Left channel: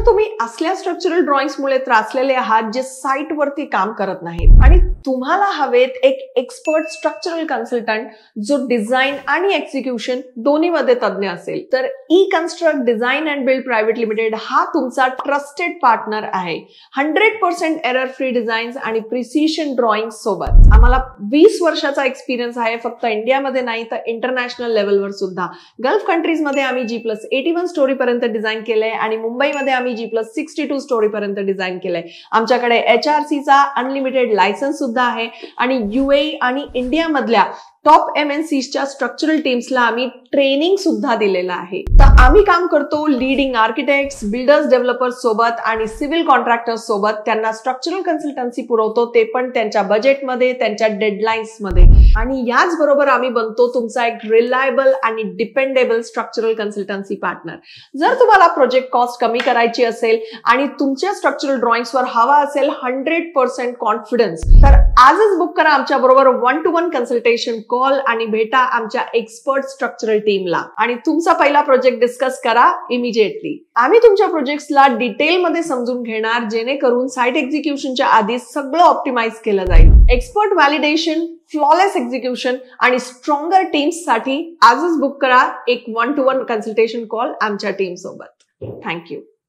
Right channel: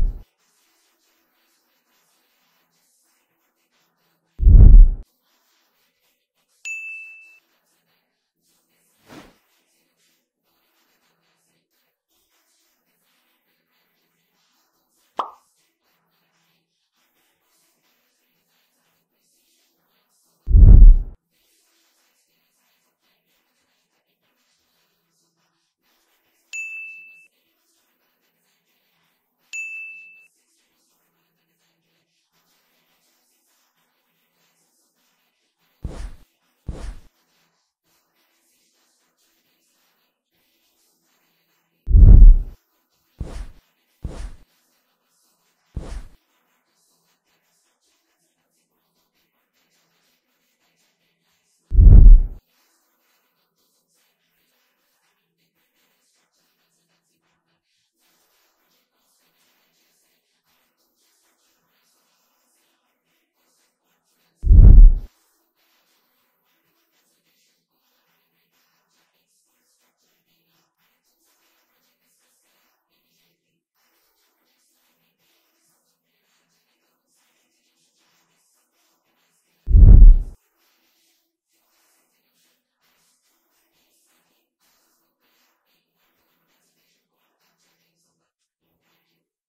जर तुम्ही असल्या स्ट्रक्चरल ड्रॉइंग्समुळे त्रासलेले आहात जे साइट वरती काम करत नाहीत आणि तुम्हाला हवेत एक एक्सपर्ट स्ट्रक्चरल कन्सल्टंट जो डिझाईन आणि एक्झिक्युशन दोन्हीमध्ये तज्ञ असेल, तर E construct design and build private limited हा तुमचा ट्रस्टेड पार्टनर आहे. 100% एरर फ्री डिझाईन्स आणि प्रिसिशन ड्रॉइंग सोबत. आम्हाला 20 वर्षाचा एक्सपिरियन्स आहे, फक्त इंडियामध्ये नाही तर इंटरनॅशनल लेवलवर सुद्धा. गल्फ कंट्रीज मध्ये आम्ही G+81 स्टोरी पर्यंत डिझाईन केलंय आणि मुंबईमध्ये आम्ही G+62 स्टोरी पर्यंत डिझाईन केलंय. आमच्याकडे HRC चा अनलिमिटेड लायसन्स सुद्धा आहे आणि UAE आणि इंडिया मधल्या टॉप MNCच्या स्ट्रक्चरल टीम्सला आम्ही ट्रेनिंग सुद्धा दिलेलं आहे. तर आम्ही काम करतो लीडिंग आर्किटेक्ट्स, बिल्डर्स, डेव्हलपर्स सोबत आणि सिव्हिल कॉन्ट्रॅक्टर्स सोबत. त्यांना स्ट्रक्चरल कन्सल्टन्सी पुरवतो, ते पण त्यांच्या बजेटमध्ये, त्यांच्या डेडलाईन्स मध्ये. आणि याच बरोबर आम्ही बनतो तुमचा एक रिलायबल आणि डिपेंडेबल स्ट्रक्चरल कन्सल्टन्सी पार्टनर. जर तुम्हाला प्रोजेक्ट कॉस्ट कमी करायची असेल आणि तुमच्या स्ट्रक्चरल ड्रॉइंग्सवर हवा असेल 100% कॉन्फिडन्स, तर आजच बुक करा आमच्या बरोबर 1-to-1 कन्सल्टेशन कॉल आणि भेटा आमच्या एक्सपर्ट स्ट्रक्चरल टीमला आणि तुमचा पहिला प्रोजेक्ट डिस्कस करा इमिजिएटली. आम्ही तुमच्या प्रोजेक्ट्सला डिटेलमध्ये समजून घेणार, जेणेकरून साइट एक्झिक्युशनच्या आधी सगळं ऑप्टिमाइज केलं जाईल. एक्सपर्ट व्हॅलिडेशन, फ्लॉलेस एक्झिक्युशन आणि स्ट्रॉंगर टीम्स साठी आजच बुक करा एक 1-to-1 कन्सल्टेशन कॉल आमच्या टीम सोबत. थँक्यू.